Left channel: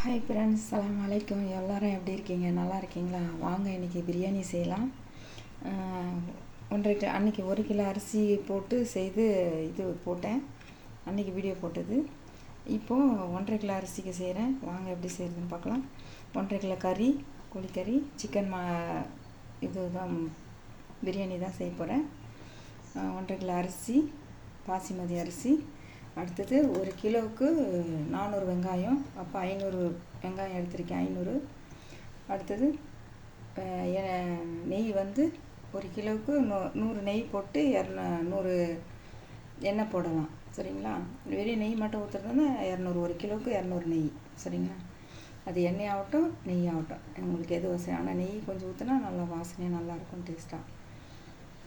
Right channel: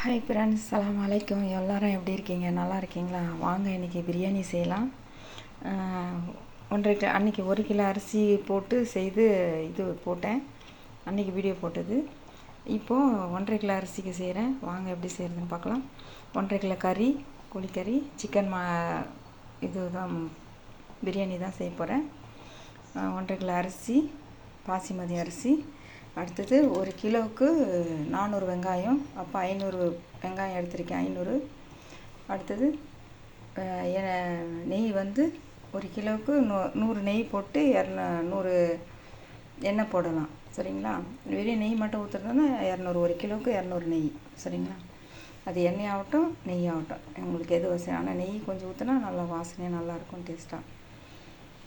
Hi friends சலாம் அலைக்கும் எல்லோரும் எப்படி இருக்கீங்க? நல்லா இருக்கீங்களா? வாங்க இன்றைக்கி பிரியாணி செய்யலாம். ஒன்றரை கிலோ அன்றைக்கி ஒரு கிலோ அரிசி போட்டு செய்து இது போட்டேன். அன்றைக்கி வீடியோ போட்டது. இப்போது ஒன்றரை கிலோ அரிசிக்கு செய்கிறேன் வாங்க எப்படி செய்கிறதுன்னு பார்க்கலாம். ஒன்றரை கிலோ கறி கோழிக்கறி சிக்கன் மா இது தான் பிரியாணி தான் செய்ய போகிறேன் ஒன்றரை கிலோ அரிசி பாசிமதி அரிசி அடுத்தது ஒரு கிலோவுக்கு நானூறு வெங்காயம் அப்போ ஐநூறு வெங்காயம் எடுத்திருக்கேன் ஐநூறு. அடுத்தது எ- நெய் வந்து ஒரு கிலோவுக்கு நூ நூறு நெய் போட்டு இரநூ நூறு எண்ணெய் போடலாம் சரிங்களா? வெறும் நெய் மட்டும் ஊற்றுறதுனா இரநூறு ஒரு கிலோவுக்கு இரநூறு நெய் சரிங்களா? அது எண்ணெய் ஆகட்டும் நெய் ஆகட்டும். உங்களுக்கு எது வசதி? ஆனால் நெய் கொஞ்சம் ஊற்றினா நல்லா வாசனையாக நல்லாயிருக்கும் டேஸ்ட்டாக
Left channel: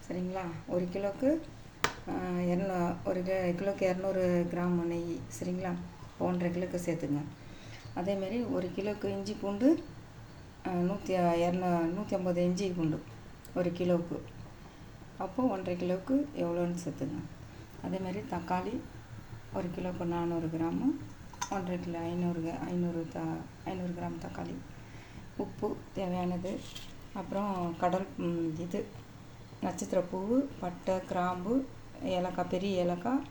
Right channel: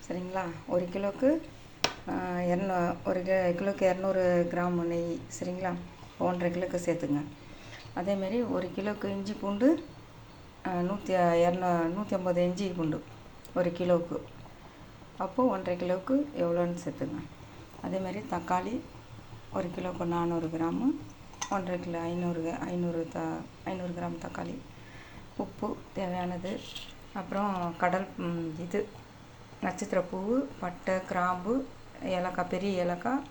சரிங்களா? ஒரு கிலோவுக்கு இரநூ ஒரு கிலோக்கு இரநூறு கிராம் நெய் சரிங்களா? ஒன்றரை கிலோக்கு சேர்த்துங்க. அதேமாரி ஒரு கிலோக்கு இஞ்சி பூண்டு நூற்றி இரநூ நூற்றி ஐம்பது இஞ்சி பூண்டு ஒரு கிலோவுக்கு அப்போது ஒன்றரை கிலோவுக்கு எவ்வளோன்னு சேர்த்துங்க. அதேமாரி தக்காளி ஒரு கிலோக்கு நானூறு கிராமு ஒன்றரை கிலோ ஐநூறு ஐநூறு த ஐநூறு கிராம் தக்காளி. உப்பு தேவையானது. அப்புறம் கடல் இது நட்சத்திர பூ பட்டை கிராம்பு ஏலக்காய் பெரிய ஏலக்காய்.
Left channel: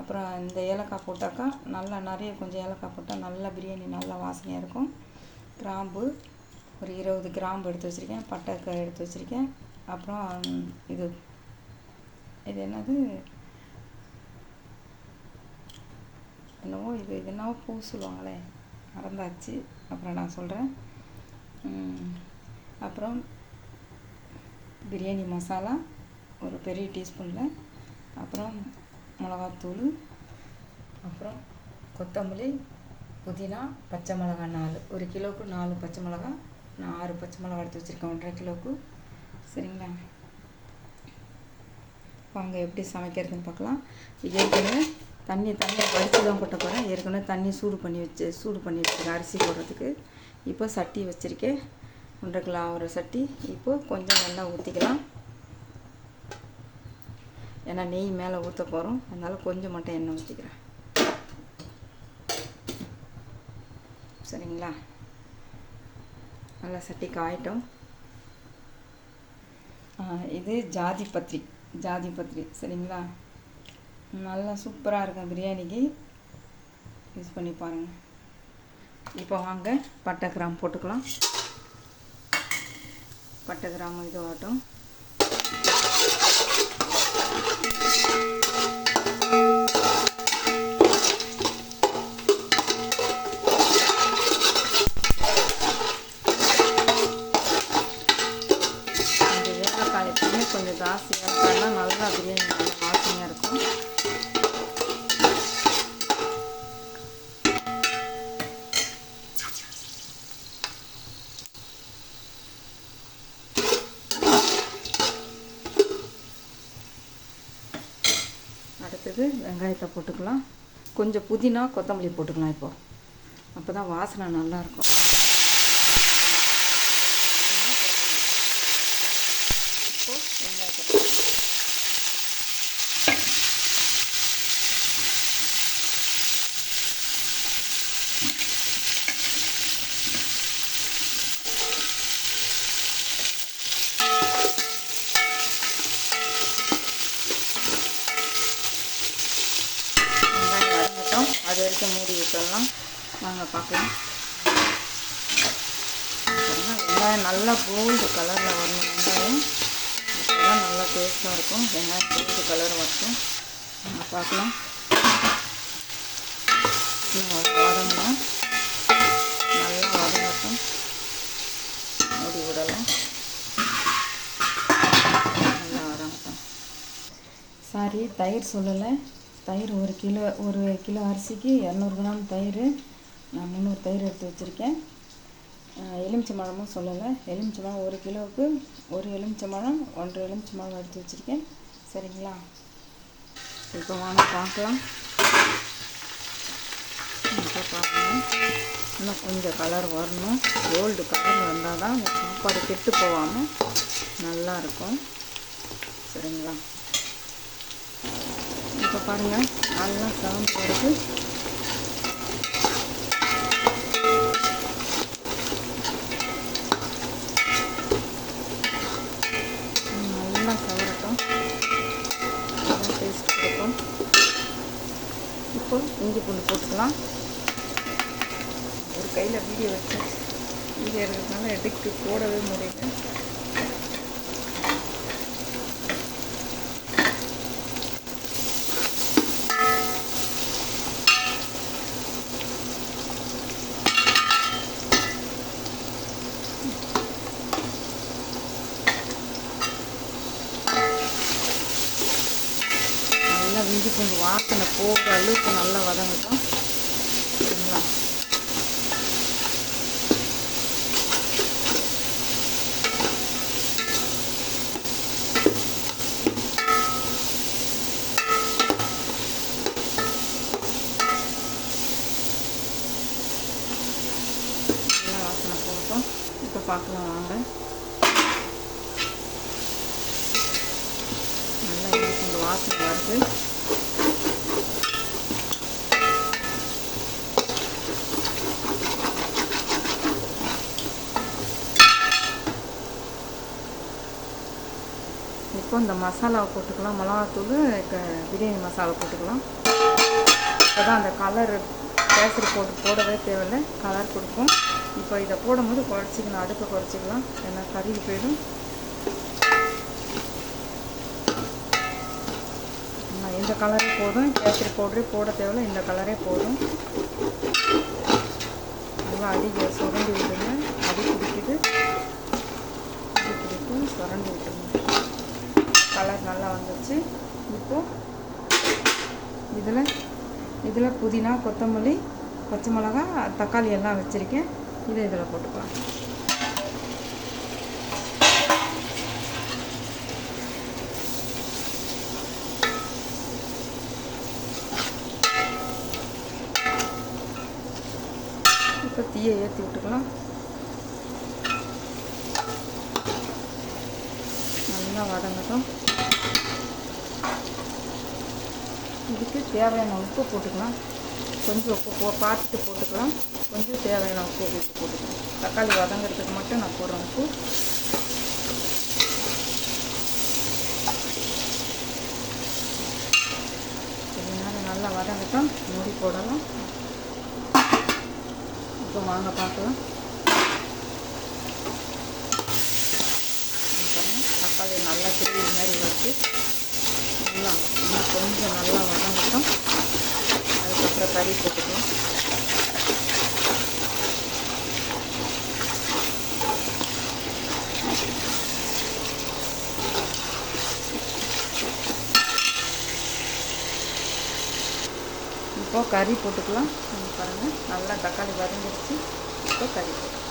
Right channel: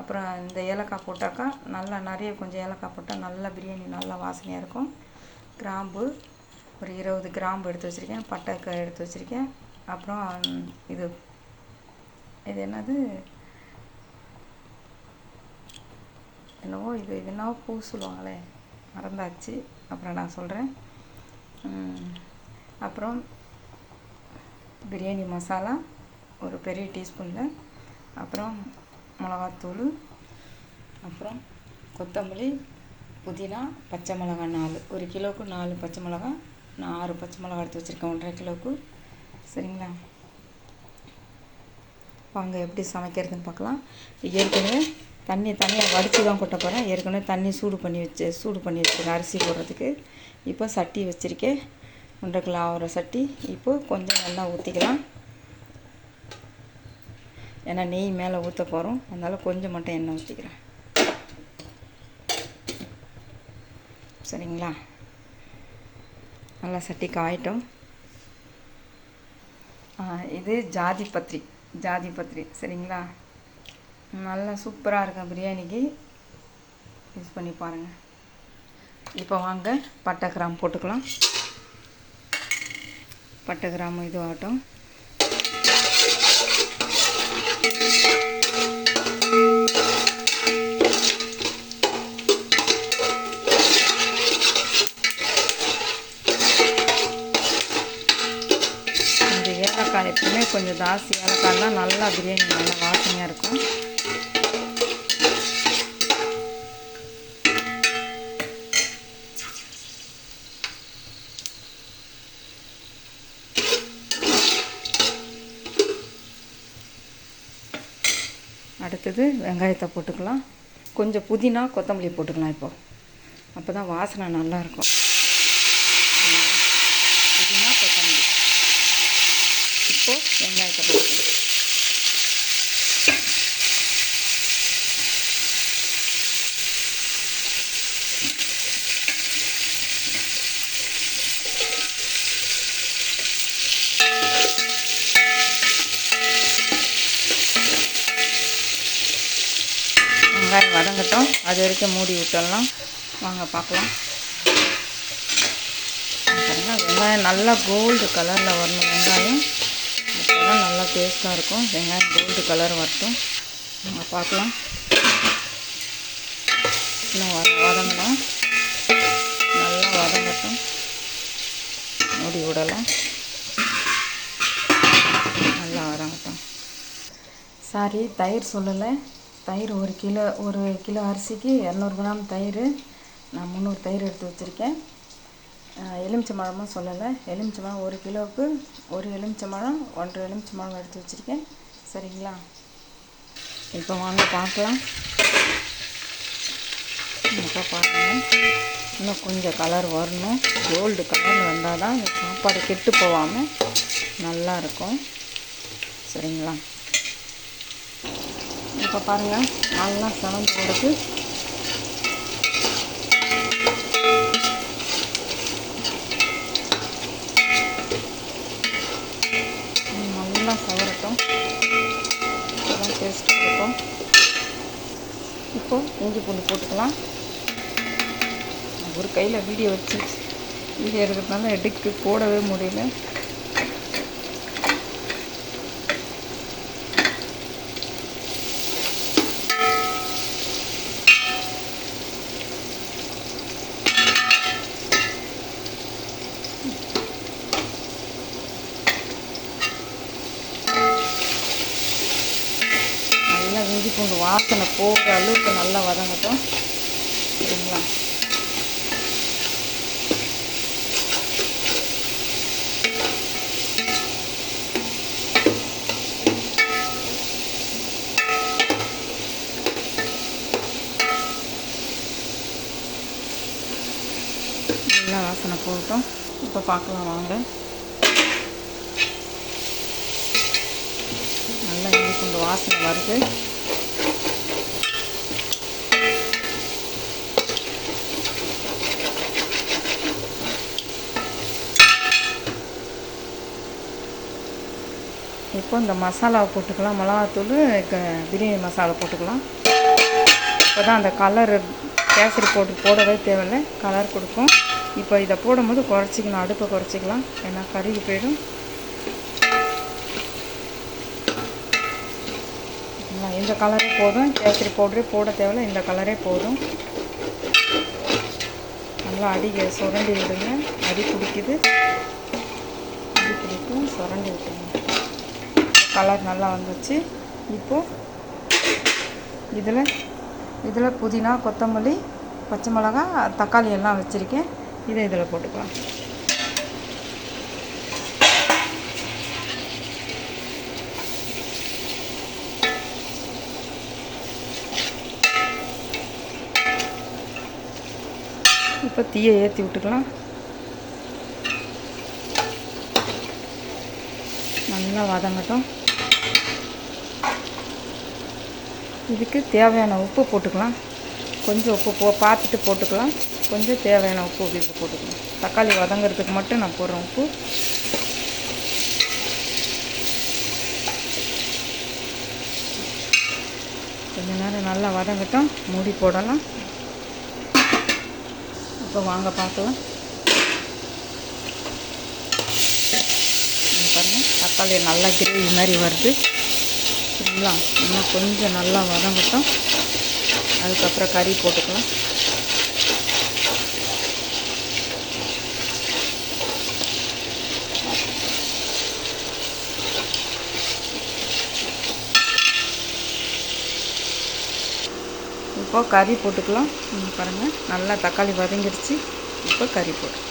அப்புறம் இந்த ஏலக்காய் போட்டாக்கா நல்லா நிறைய கொஞ்சம் ஏலக்காய் போட்டால் நல்லா பிரியாணி நல்லா வாசனையாக இருக்கும். கிராம்பு ஒரு இருபது கிராம்பு எடுத்து வச்சுருக்கேன். பட்டை எடுத்து வச்சுருக்கேன். அப்புறம் இது இது என்னது? என்னவோ இது இது என்னவோ பூ சொல்லுவாங்களே. மறந்தாச்சு. அப்புறம் நான் சொல்கிறேன் அப்புறம் பிரியாணி மசாலா ஒரு பெரிய டீஸ்பூனில். அப்புறம் மிளகாத்தூள் அப்புறம் கொத்தமல்லி புதினா பச்சை மிளகா நாலு. ஒரு கிலோவுக்கு நாலு பச்சை மிளகா நான் ஆறு பச்சை மிளகா எடுத்து வச்சுருக்கேன் ஒன்றரை கிலோவுக்கு. சரிங்களா? வாங்க எப்படி சமைக்கிறதுன்னு பார்க்கலாம். ஏற்கனவே தண்ணி தண்ணியை வடித்து தான் கொட்ட போகிறேன் ஏற்கனவே தண்ணி சூடு பண்ணி வச்சு சூடு பண்ணி வச்சுருக்கேன் அரிசி போடுறதுக்கு. இப்போ சட்டி வச்சுருக்கேன். ஒன்றரை கிலோ ஆகிற சட்டி. இப்போது கொஞ்சம் நல்லா ஊற்றிக்கலாம் ஏன்னா நெய் மேலே ஊற்ற போகிறோம் அதனால் கொஞ்சம் மட்டும் எண்ணெய் ஊற்றிக்கிறேன் சரிங்களா? நல்லா சட்டி காயட்டும் இது ஜாதி பத்திரி. ஜாதி பத்திரி. சரிங்களா? நல்லா சூப்பராக இருக்கும் பிரியாணிக்கு. யூஸ் பண்ணி பாருங்கள் இப்போ வாங்க பட்டை கிராம் போட்டுக்கலாம். பட்டை கிராம் இதுவாகட்டும். கொஞ்சம் ஜாஸ்தி ஏலக்காய்லாம் நல்லா பிரியாணி நல்லா வாசனையாக இருக்கும். அடுத்தது வெங்காயத்தை போட்டுக்கலாம். கொஞ்சம் புதினா கொத்தமல்லி போட்டுக்கலாம் இப்போது அப்போ தான் வாசனை நல்லாயிருக்கும் இருக்கும் புதினா கொத்தமல்லி இப்போ வெங்காயத்தை வெங்காயம் வதங்கட்டும். அது வரைக்கும் மூடி விட்டுடலாம். வாங்க பார்க்கலாம். வெங்காயம் நல்லா கோல்டு கலரில் வரணும் வெங்காயம். அப்போ நல்லா டேஸ்ட்டாக இருக்கும். வெங்காயம் கோல்டு கலர் வரட்டும் நம்ம பார்க்கலாம். இன்னும் வதங்கலாம் நல்லா வதங்கட்டும் மூடி விடலாம் நல்லா வதங்கட்டும் சாரி தயிர் சொல்லலை. தயிர் ஒரு கிலோ ஒரு கிலோ அரிசிக்கு இரநூறு கிராம் தயிர். நான் முந்நூறு தயிர் எடுத்து வச்சுருக்கேன். எலுமிச்சம்பழமும் சொல்லலை. எலுமிச்சம்பழம் ஒரு கிலோவுக்கு ஒரு எலுமிச்சம்பழம் ஒன்றரை எலுமிச்சம்பழம் எடுத்து வச்சுருக்கேன். சரிங்களா? இப்போ வாங்க பார்க்கலாம். இப்போ பாருங்கள் இன்னும் கொஞ்சம் கலர் வரணும். கோல்டு கலரில் வந்தால் தான் இந்த சாப்பாடு கெட்டு போகாமல் நல்லா இருக்கும். சரிங்களா? இப்போ பாருங்கள் நல்லா செவந்து வரது. உப்பு இஞ்சி பூண்டு போட்டுக்கலாம். ஒரு கையில் வீடியோ வச்சு வீடியோ இருக்கிறதுனால எடுத்து போடவே முடியல நல்லா இஞ்சி பூண்டு வாசனை போகிற அளவுக்கு நல்லா வதங்கட்டும். சரிங்களா? நல்லா வாசனை போகட்டும் இப்போ பார்க்கலாம் வாங்க. நல்லா இது பூண்டு வாசனை வருது. இப்போ இந்த மசாலாவை போட்டுக்கலாம். மிளகாத்தூள் பிரியாணி மசாலா போட்டுக்கலாம். இப்போ தான் அந்த கலர் கேசரி போட்டு போடவே தேவையில்லை. கலர் கொடுக்கும். இப்போ இதை போடும்போது குறைச்சிக்கலாம். அடுப்பை குறைச்சிக்கலாம். ஏன்னா கருகி போயிடும். இந்த கலரே போதும். கேசரி பவுடரே போட தேவையில்ல. இந்த கலரே போதும். நல்லா அடி சுரண்டி விடுங்க. அடி பிடிக்குது அடி பிடிக்கும் சுரண்டி விட்டுருங்க. கலர் நல்லா வந்துச்சு. இப்போது இதில் இதில் புதினா கொத்தமல்லி பச்சை மிளகா தக்காளி எல்லாம் வச்சுருக்கேன். இதை இதில் போட்டுக்கலாம். இப்போ தீயை ஏற்றி விட்டுக்கலாம். நல்லா வதங்கட்டும். இதுக்கு தேவையான உப்பு போட்டுக்கலாம். கொஞ்சம் உப்பு போ பார்த்துட்டு போட்டுக்கலாம். கொஞ்சம் தேவையான உப்பு இதுக்கு போட்டுக்கலாம். தக்காளி வதங்கிறதுக்கு மட்டும் நான் போடுறேன் உப்பு. கொஞ்ச நேரம் நல்லா வதங்கட்டும். மூடி போடலாம். இப்போ வாங்க பார்க்கலாம். தக்காளி நல்லா கிரேவி மாதிரி வருது. சரிங்களா இன்னும் கொஞ்சம் நல்லா வதங்கட்டும். அதுக்கப்புறம் கறி போட்டுக்கலாம். இப்போ கறி போட்டுக்கலாம். பாருங்கள் நல்லா தக்காளி வதங்கிடுச்சு. இப்போ கறி போட்டு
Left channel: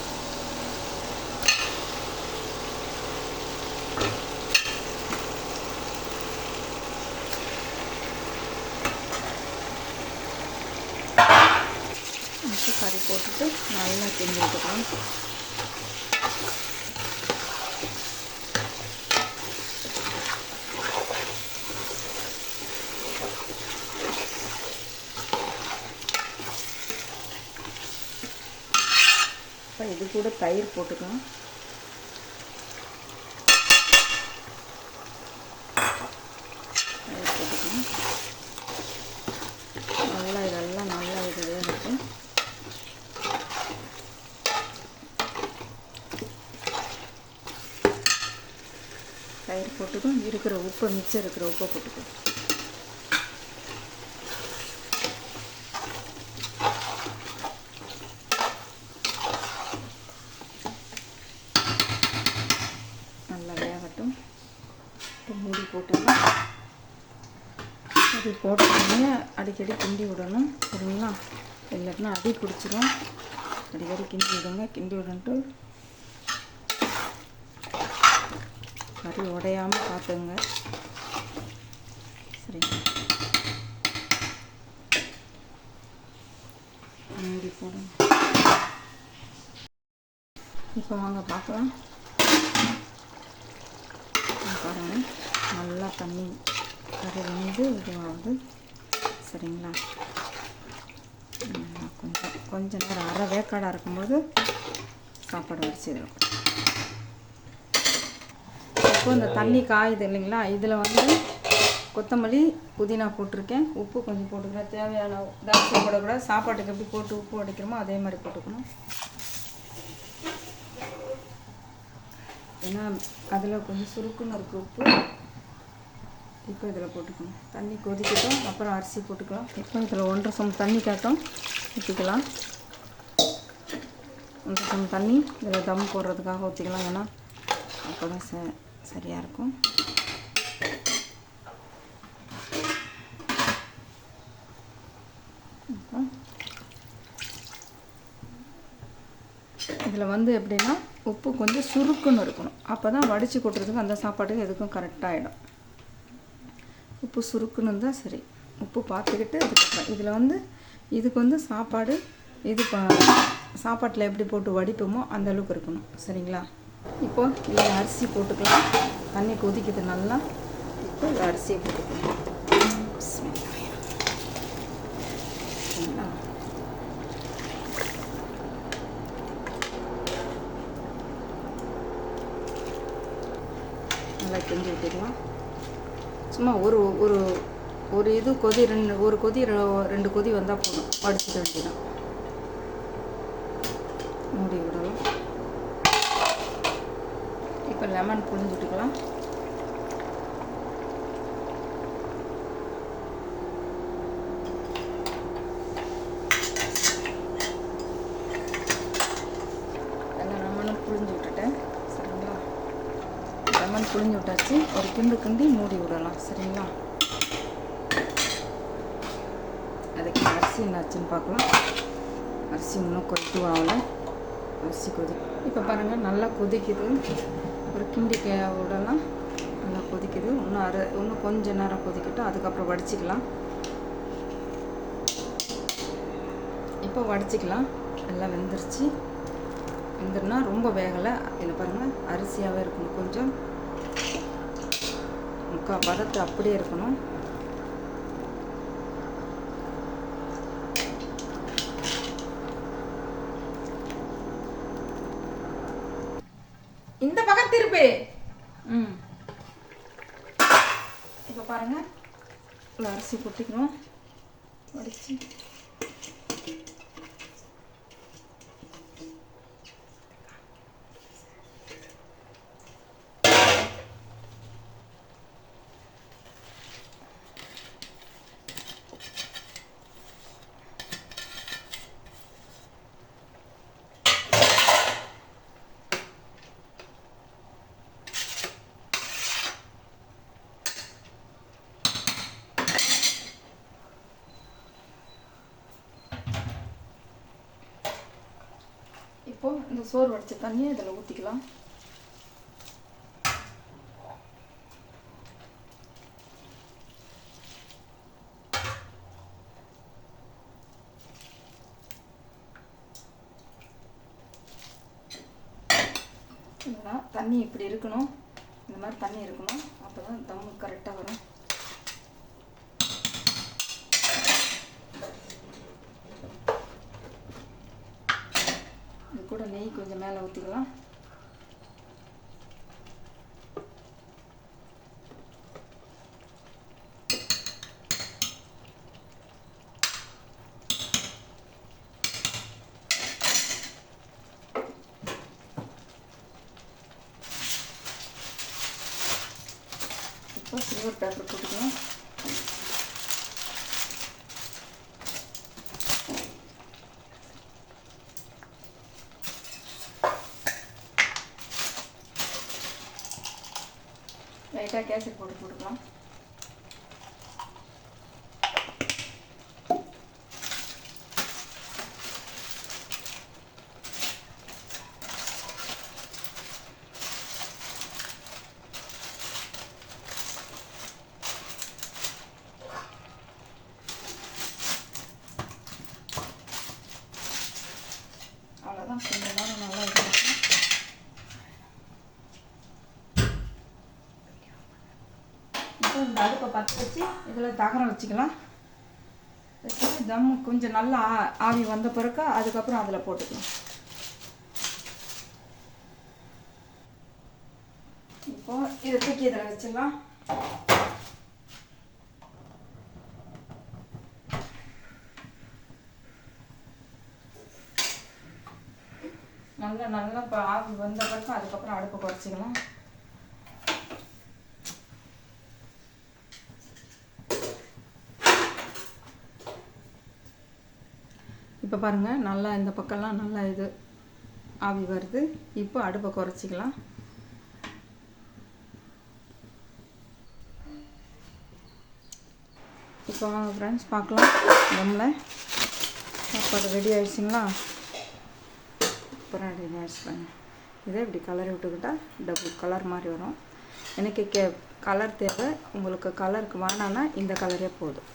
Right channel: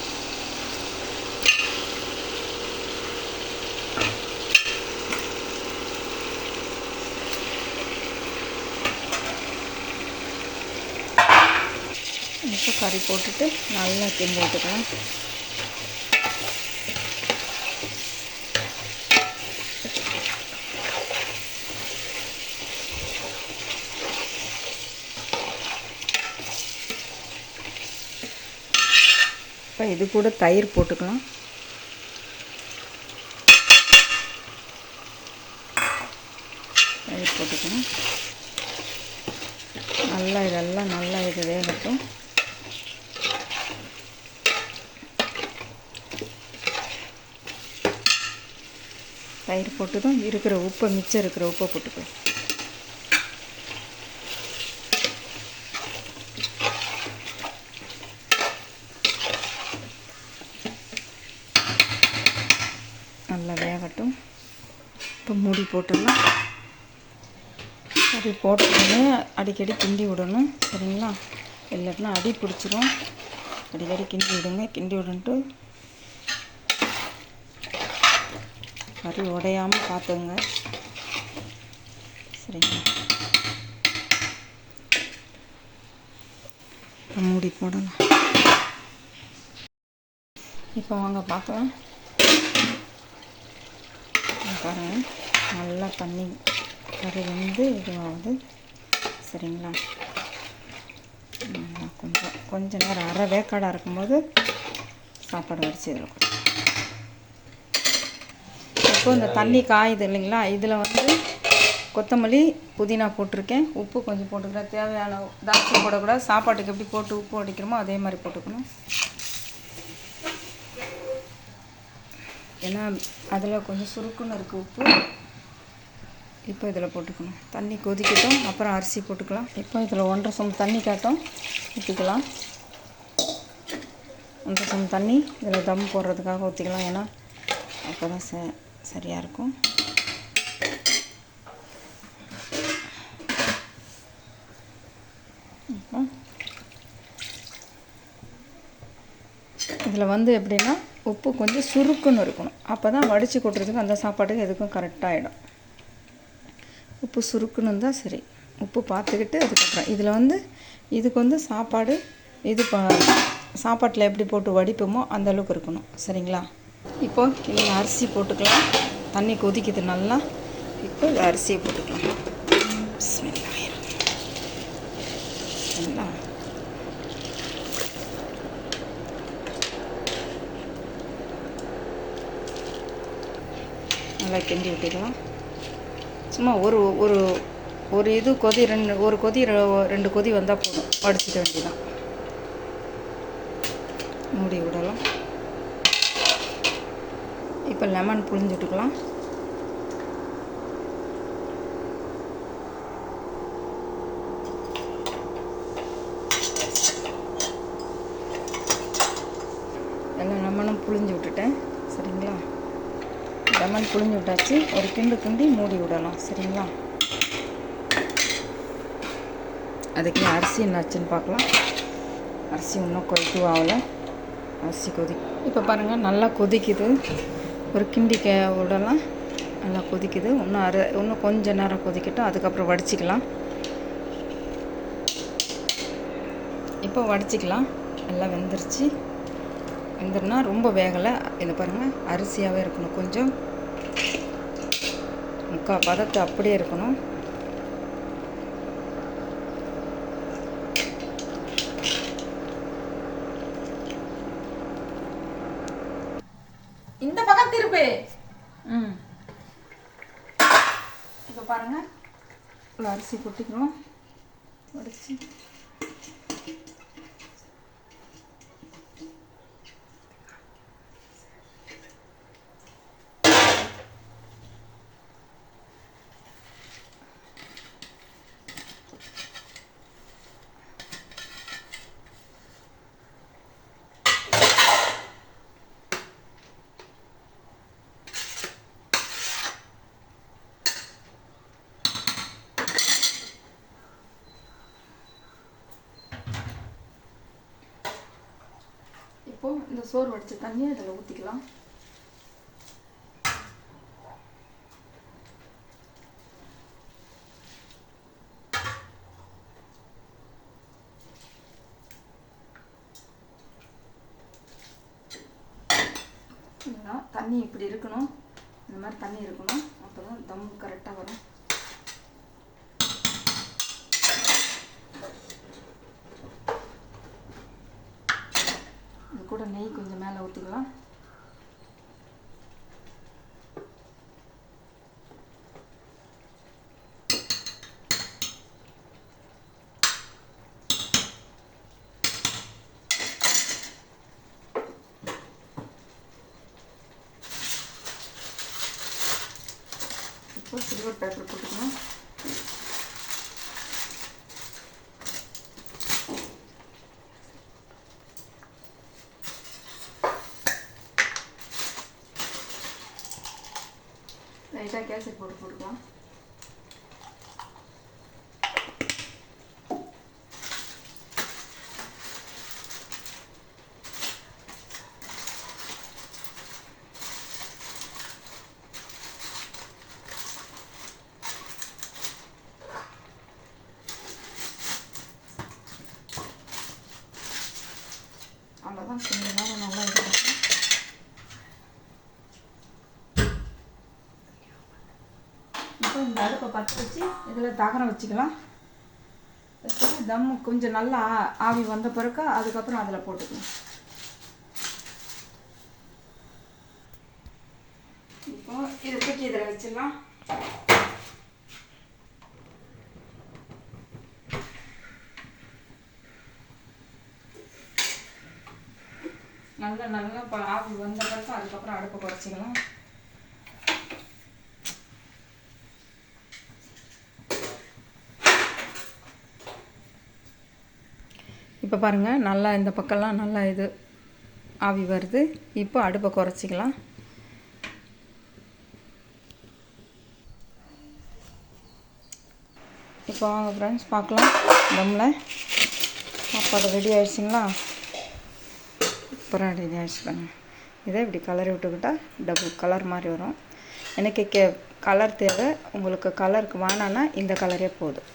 இப்போ கறி போட்டுட்டு நல்லா கிண்டி விட்டுக்கலாம் இப்போ இது கூட தயிர் போட்டுக்கலாம். தயிர் போட்டுக்கலாம். நல்லா இதெல்லாம் நல்லா இது வேகட்டும் தயிர் போட்டதும் இருக்கிற உப்பை மிச்சம் இருக்கிற உப்பை போட்டுக்கலாம் நல்லா வேகட்டும். இப்போ மூடி போட்டுடலாம். அப்படி போட்டோடனே அடிக்கடி கிண்டி விடணும் சரிங்களா? இல்லாட்டினா அடி பிடிச்சிரும். அடிக்கடி கிண்டி விடுங்க. கிண்டி விடன்ட்டு கறி உடையாமல் பார்த்துங்க. சரிங்களா மூடி போடுங்க இப்போ வாங்க பார்க்கலாம். இங்க பாருங்க. நல்லா தண்ணி கறி வந்து இதுவாகுது. சரிங்களா? நல்லா கொஞ்சம் கொஞ்ச நேரம் அரை வேக்காடாக இருக்கும்போது சாப்பாடு வடித்து இதில் கொடுக்கும் இப்போ இந்த தண்ணி காயுது இல்லைங்களா? இதில் வந்து கொத்தமல்லி புதினா போட்டிருக்கேன். உப்பு கொஞ்சம் போட்டுக்கிறேன். தேவையான தாட்சி போடக்கூடாது. சாப்பாட்டுக்கு எப்படி போட்டு உப்பு அடிக்கிறோமோ அதே மாதிரி போட்டுக்கணும். ஏன்னா அதில் கொஞ்சம் சுருக்குன்னு இருக்குது உப்பு. இப்போ இதில் போட்டுக்கணும். தண்ணி கொதிக்கட்டும். அப்புறம் அரிசி போட்டுக்கலாம். இப்போ இதில் ஒன்றரை சம் தண்ணி காட்டும். ஊற்றிக்கலாம் ஒன்றரை சம் தண்ணி. இதில் தம் போடுறதுக்காக ஊற்றிக்கலாம் ஏன்னா அப்போ தான் ச சரியாக இருக்கும். இதில் வந்து எப்படின்னா உப்பு கொஞ்சம் சுருக்குன்னு இருக்கணும். அப்போ தான் வடித்து கொட்டுறதுக்கு அந்த சாப்பாட்டுக்கு எதுக்கும் கரெக்டாகிடும் உப்பு சுருக்குன்னு இருந்தால் சரி. உப்பு பார்த்துக்கிட்டு அதுக்கப்புறம் இதில் வந்து இதுக்கு வந்து சாப்பாடு இது ப சாப்பாட்டில் எப்படி போட்டு வடிப்போமோ அந்த அளவுக்கு இருக்கணும். சரிங்களா? இப்போ இந்த அரிசி போட்டுக்கலாம். தண்ணி கொதிக்குது நல்லா. இப்போ இந்த அரிசியை போட்டுக்கலாம். சரிங்களா நல்லா. கிண்டி விட்டுக்கலாம் சும்மா ஒரு ஒரு ஒரு இது கொதி ரெண்டு ஒரு கொதி ரெ- ரெண்டு கொதி வந்தால் போதும். வடிச்சிக்க வேண்டியதான் மூடி விடலாம். இப்போ லெமன் புழிஞ்சு விட்டுக்கலாம் எல்லா லெமனும் புழிஞ்சு விட்டுட்டேன். சரிங்களா? லெமன் புழிஞ்சு விட்டாச்சு. ஒரு கிண்டு கிண்டி மூடி விடலாம். சரிங்களா? அதுக்கு அரிசி என்னாச்சுன்னு பார்க்கலாம். அரிசி இன்னும் கொதித்து ஆகலை. அரிசி கொதி இப்போ பாருங்கள் நல்லா கொதிக்குது. ஒரு கிண்டி கே விடலாம் நல்லா கொதிக்குது. இன்னும் அரை இன்னும் கொஞ்சம் நேரம் கொதிக்கட்டும். அதுக்கப்புறம் வடிச்சிக்கலாம். இப்போ வடிச்சிக்கலாம். நல்லா வெந்துருச்சு. வெந்துருனா ரொம்ப வேகலை. இது பாருங்கள் அரிசியாகவே இருக்கணும் கொஞ்சம். முக்கால் பதத்தை அப்படியே இருக்கணும். இந்த பக்கம் திருப்பு. ம். இப்போ பாருங்க. அரிசி கொட்டிக்கணும் வடிச்சு இப்போ இந்த சோறு வடிச்ச தண்ணியை இதில் ஊற்றிக்கலாம் தண்ணி இப்படி இருக்கணும். இந்த மாதிரி தண்ணி இருக்கணும். அப்போ தான் தம் கரெக்டாக வரும் இது கூட நெய் கொஞ்சம் மேலே ஊற்றிக்கலாம் இப்போ சில்வர் பேப்பர் போட்டுக்கலாம். லைட்டாக கேசரி போட்டு பற்ற வச்சு இதில் தகரம் வச்சுக்கலாம். வச்சு தம் கொஞ்சம் நல்லா ஆவி வந்த பிறக்க அதுக்கப்புறம் அதில் போட்டுக்கலாம். இப்போ இதை தூக்கி இதில் வச்சிடலாம். நல்லா நல்லா ஆவி வந்த பிறகு அதுக்கப்புறம் அடுப்பை குறைச்சிக்கலாம். இப்போ பாருங்கள் நல்லா இந்த பக்கம்லாம் நல்லா இது ஆவி வருது. இப்போ அடுப்பை குறைச்சிக்கலாம். இப்போ வாங்க ஃப்ரெண்ட்ஸ் பார்க்கலாம். தம்மில் சாப்பாடு ரெடி ஆகிடுச்சிங்களா அப்புறம் ரெடி ஆயிடுச்சு பாருங்க. இதை இப்படி கலர் விட்டுக்கிட்டால் டபுள் கலர் மாதிரி வரும். எனக்கு கே கலர் தேவை. உங்களுக்கு கலருக்கு வேணான்னா இந்த கலரே போதும்.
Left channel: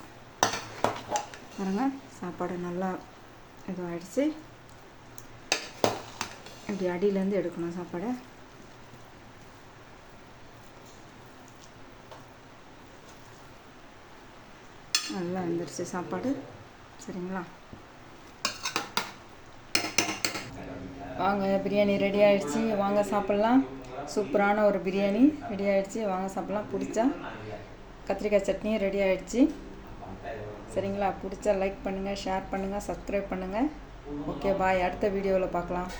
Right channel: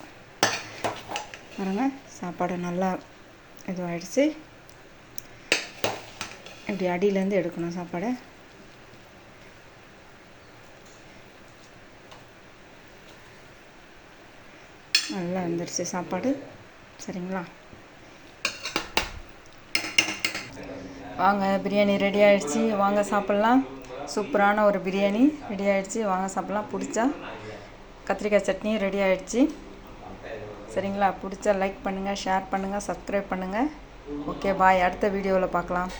பாருங்கள் சாப்பாடு நல்லா இதுவாகிடுச்சு இப்படி அடியிலேருந்து எடுக்கணும் சாப்பாடை. நல்லா வந்துடுச்சு சாப்பாடு. சரிங்களா? வாங்க பிரியாணி ரெடி ஆகிடுச்சி வாங்க சாப்பிட்லாம். சூப்பரான ஒரு பிரியாணி ரெடி ஆகிடுச்சி வாங்க சாப்பிட்லாம். பிடிச்சா கத்திரிக்காய் சட்னியும் ரெடி ஆகிடுச்சி சரிங்களா? பிடிச்சா லைக் பண்ணுங்கள் ஷேர் பண்ணுங்கள் சப்ஸ்கிரைப் பண்ணுங்கள் ஓகே பாய் அடுத்த வீடியோவில் பார்க்கலாம்.